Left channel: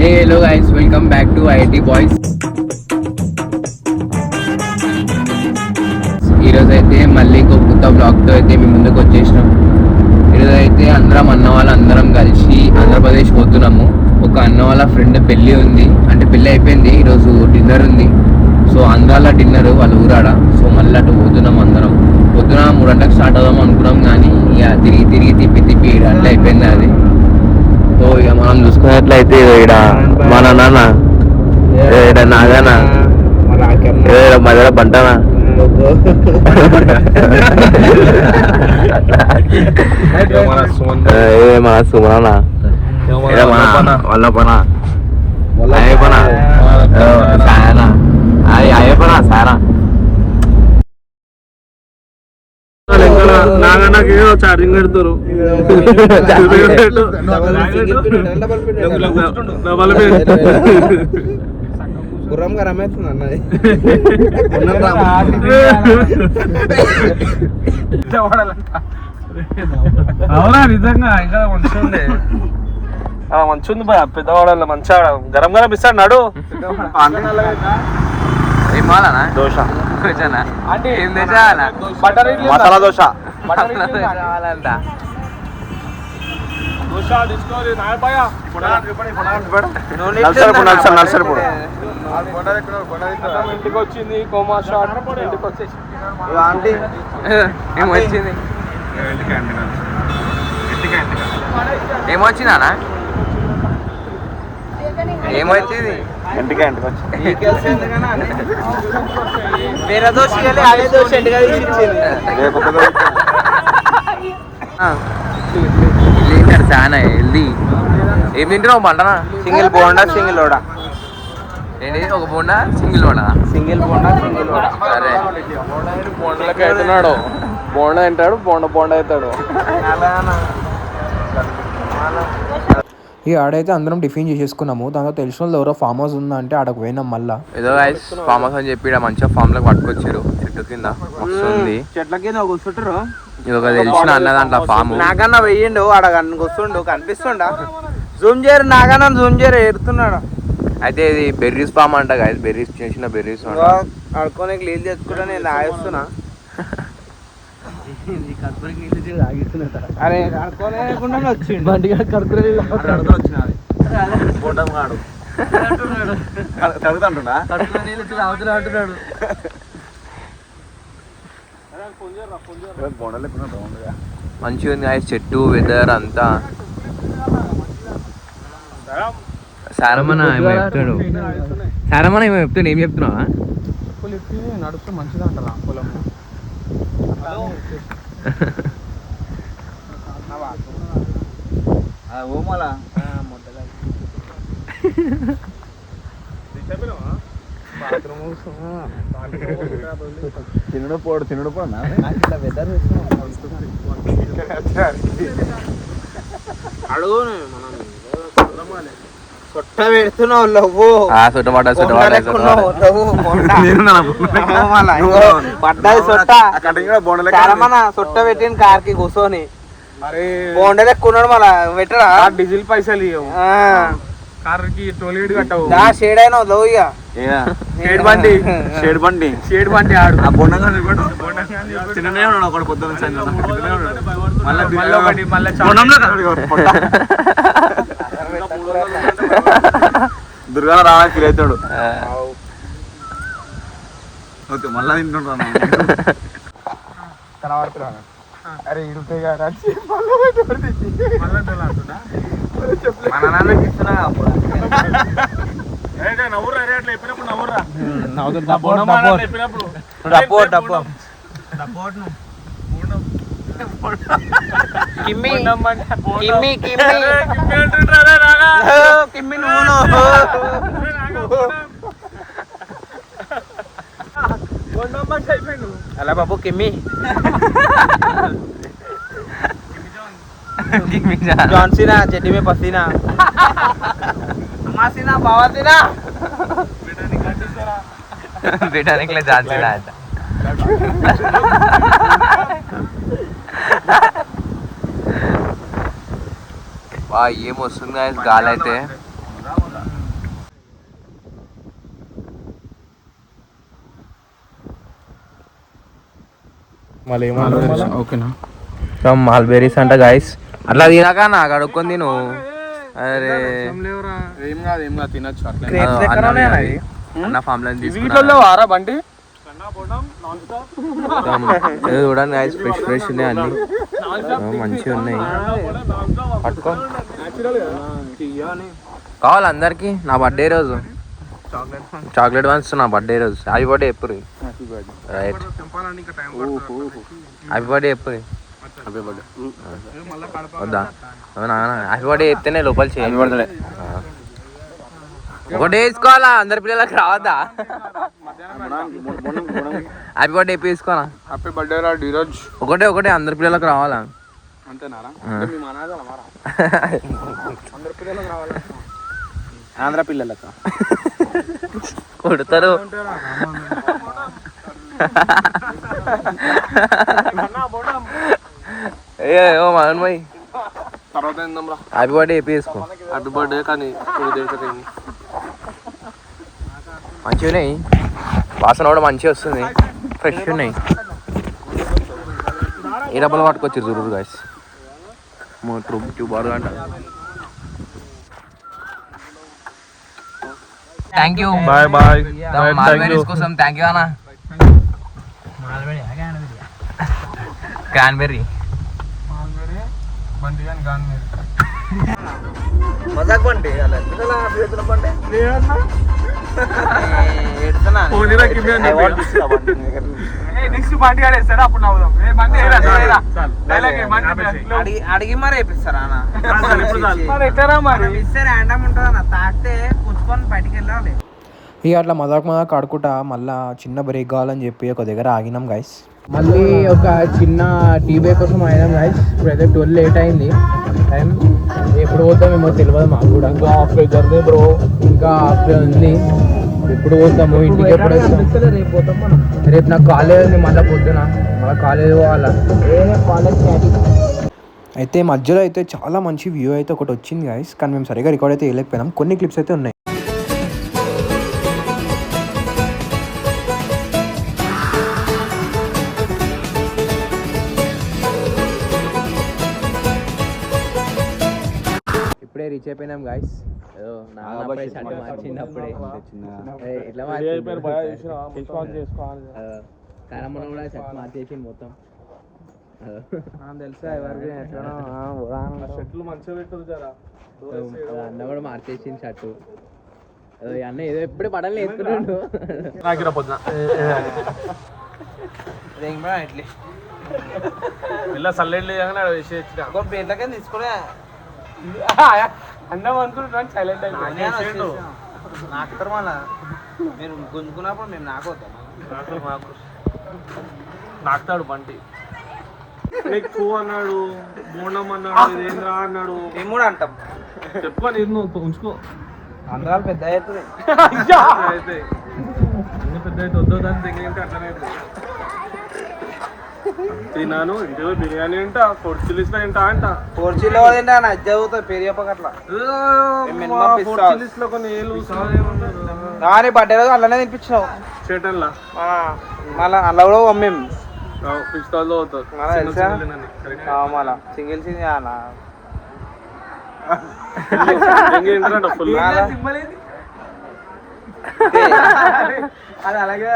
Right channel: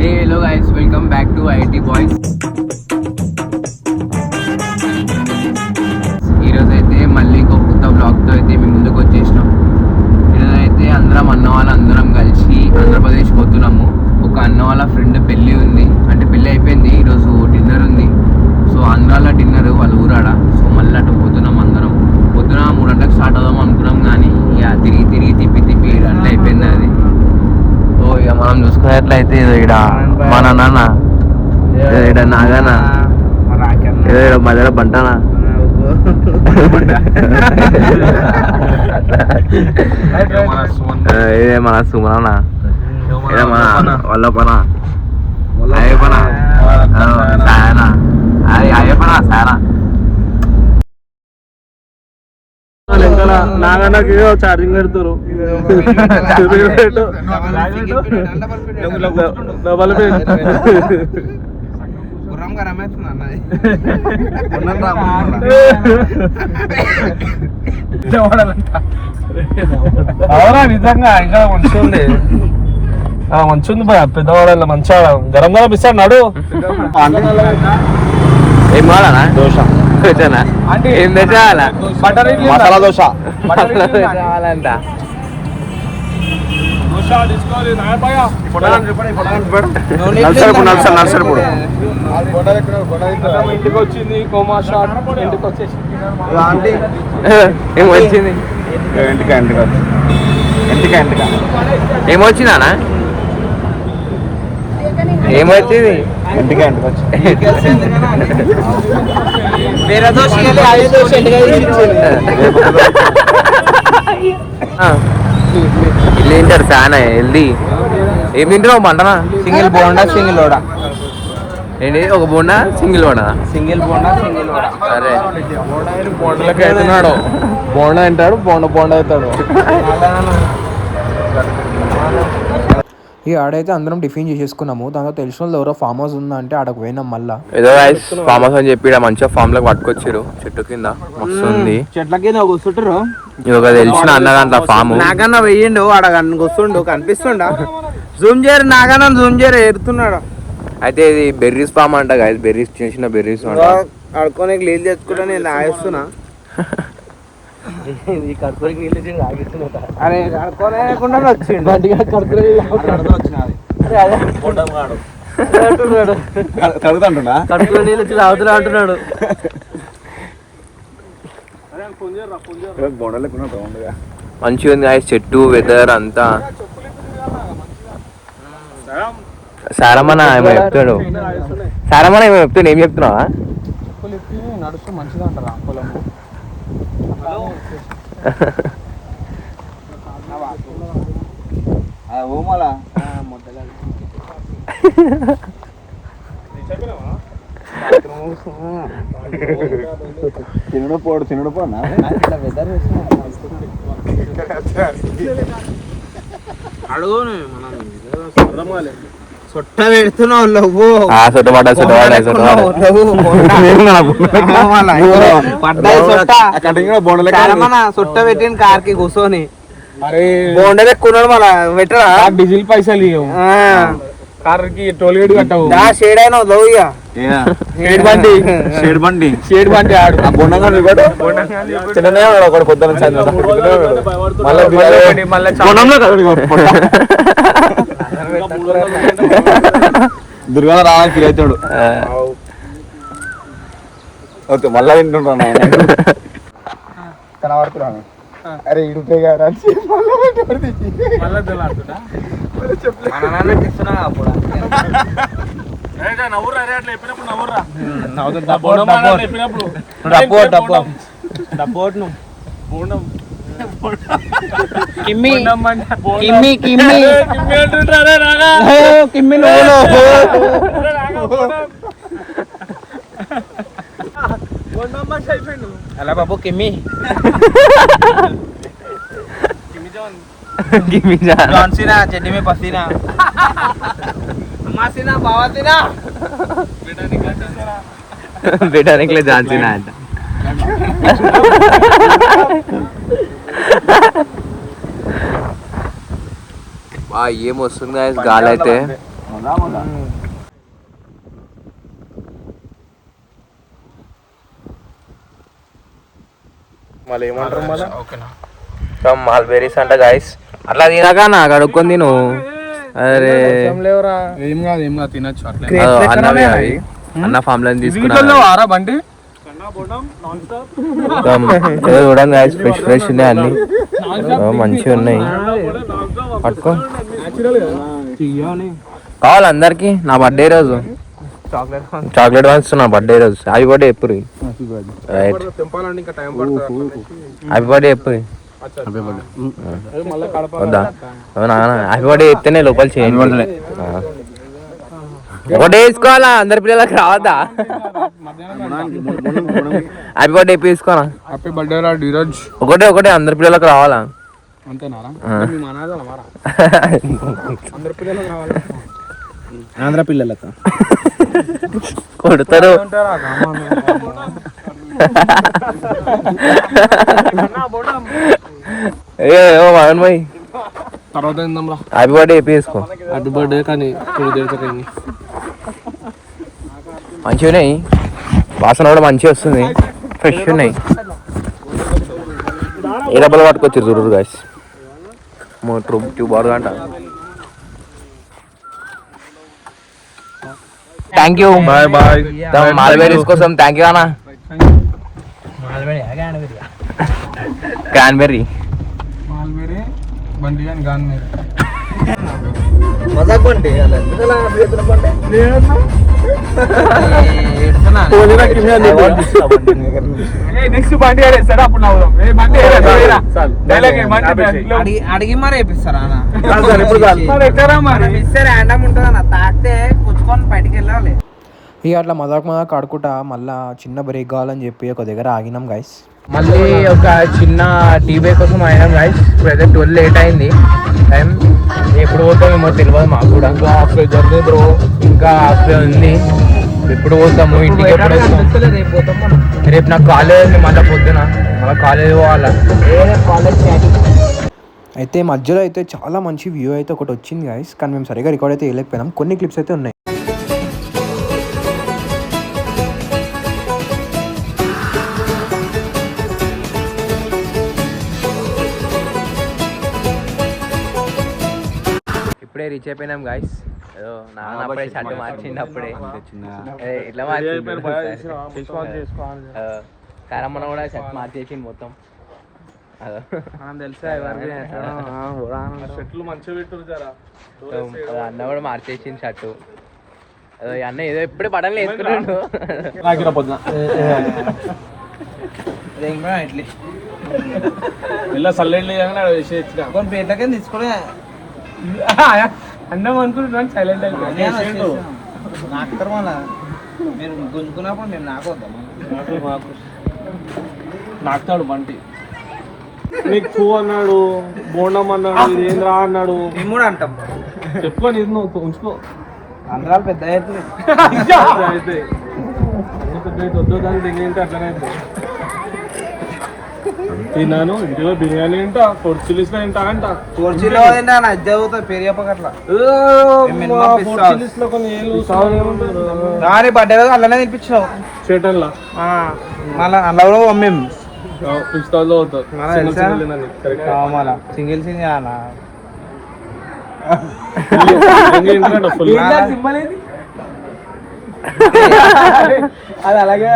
Hello guys, welcome back to IIT boys. ఈరోజు అయితే మళ్ళీ ఇంకొక కొత్త బ్లాగ్తో అయితే మేము ముందుకు వచ్చేసినాం. ఈరోజు అయితే అన్న వాళ్ళందరం కలిసి ఆంధ్రప్రదేశ్ పోతున్నాము. ఒక అన్న వాళ్ళ ఫ్రెండ్ పెళ్ళి ఉంది, అంటే పెళ్ళి అయిపోయింది, ఈరోజు డిన్నర్ ఉంది. సో ఆంధ్రాలో డిన్నర్ వాళ్ళ ఊరాడ. సో మళ్ళీ అటు పోతున్నాం అందరం. పొద్దున 3 గంటలకు స్టార్ట్ అవుదాం అనుకున్నాం, కానీ ఇక తిరిగి తిప్పి అట్లా అయిపోయింది అది. సో ఇక మనం చూసుకున్నట్లయితే ఇక్కడ మన నాన్న నాదనా మధ్యలో బంటానా మన సుమనా వాళ్ళ పనా అయ్యపనా సాయనా అయ్యపనా సారా నాగన్నకి ఛార్జింగ్ పెడతారు. గుర్రంగా రమేస్తుంది అన్నది. అవునా, నిజంగా ఇంకా మంచిగా ఉంది. మంచిగా ఉంది బాయ్, పెద్దవాడలో మంచిగా గరం గరం ఇస్తాడు నడు. ఏం కావాలనా? దోశ ఏం తెచ్చావాలా? మసాలా దోశ. కావాలంట. ఏమొచ్చింది? ఏమొచ్చిందా? ఏమొచ్చింది? ఇల్లు తింటారు చాలా హెల్దీ. ఏం తింటున్నావు బంటనా? Single bonda single vada. ఏంటి? ఒక bonda single vada? Single bonda single vada. సరే, బోండా తింటాడు, బోండా అవుతాడు. ఈ ఆడైతే అందరం టిఫిన్ చేసేసుకున్నాము. దాంతో తెలిసిన వాళ్ళు ఎవరో ఫామ్ హౌస్ ఉందా అంటే ఆడకు పోయినాం. మళ్ళా ఏదో ఫామ్ హౌస్ అని చెప్పి మంచిగా ఫామ్ లోకి పట్టుకొచ్చారు. చెట్టు కింద మస్తు ఉంది. చెట్ల కింద కూర్చుంటారు. ఇది ఒక తెలిసిన అన్న దాంట్లో ఫామ్. నాగన్న వెయ్యిండు, ఆడ కూర్చుండు, కనిపిస్తుండ. జూమ్ చేయరు, నాగన్న జూమ్ చేయరు, ఎడుతున్నాడు. అయితే ఇది బెర్రీస్ ఫామ్ అంట గాయస్. బెర్రీస్ చిన్న బెర్రీస్ అంట. ఆడుకోనే నీళ్ళు తెచ్చుకుంటా నేను ఆగిస్తున్నా. అరే ఆడుకోలేకుండా వచ్చిండు బండిగా కడుపులో చదువుతుంటున్నా. కడుపులో నీళ్ళు వచ్చి తాగుతున్నా అంటున్నాడు. మంచిగా ఉంది గాయస్ చెట్టు, వెదర్ అంతా. సారమన్న ఏమో చెప్తాడు. సారమన్న ఏమో చెప్తాడు. ఏం చెప్తున్నావా? నడుస్తూ మంచిగా అంటారా పొలం. ఓమలా తినడు పోనా సొట్ట పెడుతున్నావు. సొట్ట పెట్టిన కార్కి కూర్చొని బోండా ఎక్కున్నాడు. మళ్ళా పెట్టరా డీజిల్ పైసలు కార్కి టోల్ గేట్ కట్టవు. షేడ్ అయినా షేడ్ బండి ఆడు దుర్గా రావడానికి ఫీల్ అవుతాడు. ఓకే, మళ్ళా తింటుంటాను. కనబడుతున్నాను. అరే ఇడుపే గారు కిమ్మి కిమ్మి కిమ్మి కిమ్మి అలా బాబు కిమ్మి జాన్సీనా చెడ్డి మే పసీనా అమ్మాసీనా బావాసీనా बेटा निकले झांसी ना आता ఏమొస్తుంది గాలి అయితే మాల్బెరీస్ అంట గాయస్ అట్లా తినగా నాకు అడుక్కొని తిను. అరే ఏం కాదు తినచ్చు అన్నవి అవి అన్న ఫామ్ లో తీసుకున్నా బండి చూడండి గాయస్ ఫ్రెష్ ఉన్నాయి అన్ని మంచిగా ఉన్నాయి. పట్టుకో కావాలి అందరికి. నా బర్త్డే రోజు చాక్లెట్ వన్స్ నా బర్త్డే రోజు. హ్యాపీ బర్త్డే ఎప్పుడు రైట్ హ్యాపీ బర్త్డే ఎప్పుడు వద్దా హ్యాపీ బర్త్డే చెప్తేనే లోపల చేయండి. ఒకటే వేసుకోవాలా అందరి పిల్లలకి రావద్దా? హ్యాపీ బర్త్డే ఎప్పుడు వేసుకోవాలా? హ్యాపీ బర్త్డే ఈరోజు ఒకటే అందరి పిల్లలకు రావాలా? అంతేనారా? ఆంధ్ర పిల్లలక కొడతారు. ఏమో మగన్ భాయ్ తర్వాత హ్యాపీ బర్త్డే ఎప్పుడు వేసుకో. హ్యాపీ బర్త్డే కానీ కొన్ని మంచిగా ఉన్నాయి, వాసన కూడా మంచిగా వస్తుంది, ఫ్రెష్ ఉన్నాయి. ఏ డబ్బులు పట్టుకొచ్చారు చూడరు గాయస్. ట్యూబ్ అంట. Thank you. Bye bye. Mulberries కోసం థ్యాంక్ యూ అన్న. క్యాన్బెర్రీ అడిగి మరి వేపిస్తారా ఉంటుందన్న తాకితే కూర్చుకొని బయటికి వెళ్ళాలి. ఇక అట్లా మజాక్ ఆడుకుంటా మళ్ళీ చిన్న బ్రేక్ కావాలని చెప్పి ఒక దగ్గర ఆగినాం గైస్. మళ్ళీ ఒక చిన్న టీ బ్రేక్ కోసం అయినాం గైస్. ఇప్పుడైతే 12 లేట్ అయింది టైం. ఎప్పుడు పోతామేమో తెలియదు మాకు కూడా. ఇంకా హాఫ్ డే జర్నీ బ్రో, ఇంకా హాఫ్ డే ఉంది. ఎప్పుడు పోతాము ఇంటికి? ఎప్పుడు రేపు నాకు కాలేజ్ ఉంది, మళ్ళీ పొద్దున మళ్ళీ కాలేజ్ పోవాలా. అయితే మధ్యలో అయితే చాలా మంచి వ్యూ అయితే ఒకటి వచ్చింది గైస్, కానీ మేము సరిగా రికార్డ్ అయితే వేయలేకపోయినాం. కొన్ని క్లిప్స్ అయితే ఉన్నాయి. ఇప్పుడే రీచ్ అయిపోయినాం గాయస్. ఏదో నాన్న అప్పుడే షర్ట్ మార్చింది. అప్పుడే ఇట్లా మార్చింది. కారమ్మన కూడా షర్ట్ మార్చేసింది మొత్తం. తెలుసా షర్ట్లు మంచిగా పెట్టారు. అన్న కూడా మార్చేసింది షర్టు. అన్న ఏదో ఎప్పుడు బట్టలు వేసుకున్నాడు. పేట్లకే తీసుకోలే అన్నం అనుకుంటున్నాను. సైలెంట్ నాకుతారు మళ్ళా మీరు గుంజుకున్నప్పుడు నేను నాకుతాడు బంటి. నీకు చూ అన్నాడు, బోండం అన్నాడు, ఏంద్రా అన్నాడు. మేము కూడా అంటాం. చెప్పుకొని ఇది నువ్వు ఉంచుకో. అందరాలు పెద్ద అయితే వద్దు దాన్ని తినేంటే అట్లనే తిన్నాను. ఇంటిలో బిర్యానీ అంట, పొడిచిలిసిన ఏంటా అంట. పొడిచిలో పొడిచిలిస్లో కొన్ని ఏళ్ళు బర్త్డే అలానే తినిపించావు చేటన్లా. అలా కూడా మమ్మీ పిస్తాల్లో సింగిల్ సింగ్ అది అలాగే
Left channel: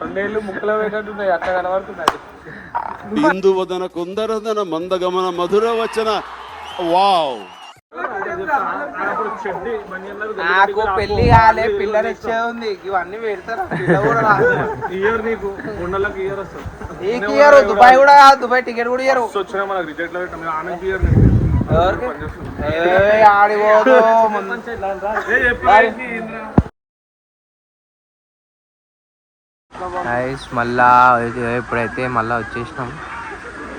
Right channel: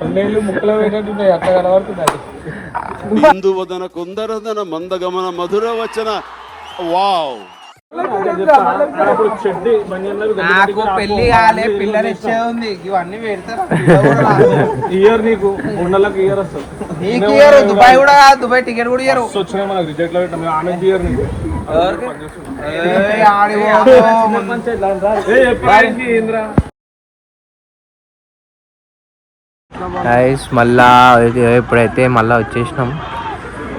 రెండేళ్ళు ముక్కలు పెట్టేట్టున్నాయి. అట్లా కనబడుతున్నాయి. ఇందువదన కుందరదన మందగమన మధుర వచన. వావ్. పెళ్లి కాలే, పిల్లలు ఇచ్చే ఉంది. ఇవన్నీ పెడతారు. ఇయర్ నీకు ఉండలకు ఇయర్ వస్తుంది. దుబాయ్ కూడా, దుబాయ్ టికెట్ కూడా ఇయర్ వచ్చినా మనకు రిజెక్ట్ లో పెట్టాం. ఆమె ఇయర్ నీకు గైస్ మళ్ళా ఇప్పుడైతే మళ్ళీ వచ్చేసినాం.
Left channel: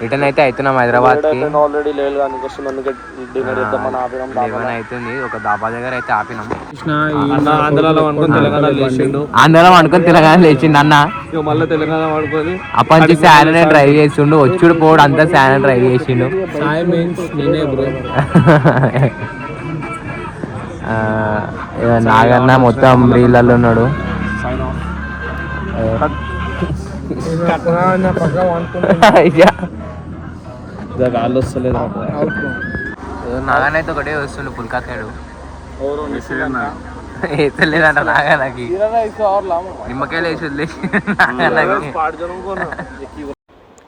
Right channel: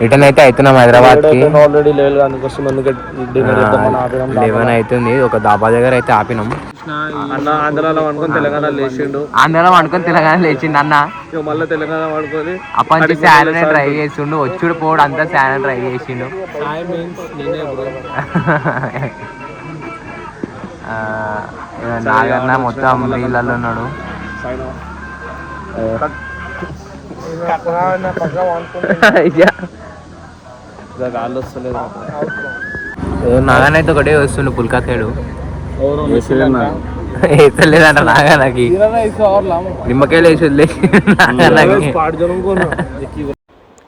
రిటర్న్ అయితే అవుతున్నాం హైదరాబాద్కి. ఆల్రెడీ 11 అవుతుంది. ఒక దాబా దగ్గర అయితే ఆపినాం. ఆంధ్రాలో అనుకుని తెలంగాణ లేచిండు. ఆంధ్రాలో అనుకుని తెలంగాణ లేచిండు అన్న. మళ్ళీ తెలంగాణ అనుకోని అప్పటి శాలరీ డ్రైవ్ చేసిండు. వచ్చుడు పోడు అంతా శాలరీ డ్రైవ్ చేసిండు. సాయి మీన్స్ నేనే బ్రో. నాగన్న మొత్తం రీళ్ళల్లో ఉన్నాడు. నాగన్న అయితే ఒకటే వస్తుండు పుల్కాకేడు వేసలేదంట నాగన్నకి. నిమ్మకాయలు వేసి వదిలేసి నాగన్నకి.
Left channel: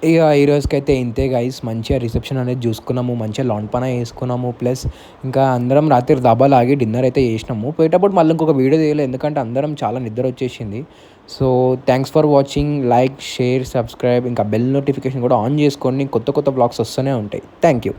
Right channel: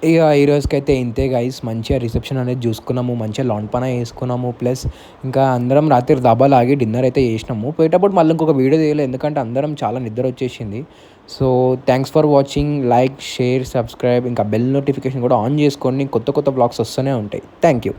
ఇక ఈ రోజుకైతే ఇంతే గైస్. మంచిగా రిసెప్షన్ అనేది చూసుకున్నాము, మంచిగా లాన్ పన వేసుకున్నాము. ప్లస్ ఇంకా అందరం రాత్రి దాబాలు ఆగి డిన్నర్ అయితే చేసినాము. పోయేటప్పుడు మళ్ళీ ఇంకొక వీడియో తీయలేదు, ఎందుకంటే అందరం చాలా నిద్ర వచ్చేసింది. So thanks for watching. Like, share, subscribe, ఇంకా బెల్ నోటిఫికేషన్ కూడా ఆన్ చేసుకోండి. కొత్త కొత్త బ్లాగ్స్ వస్తూనే ఉంటాయి. Thank you.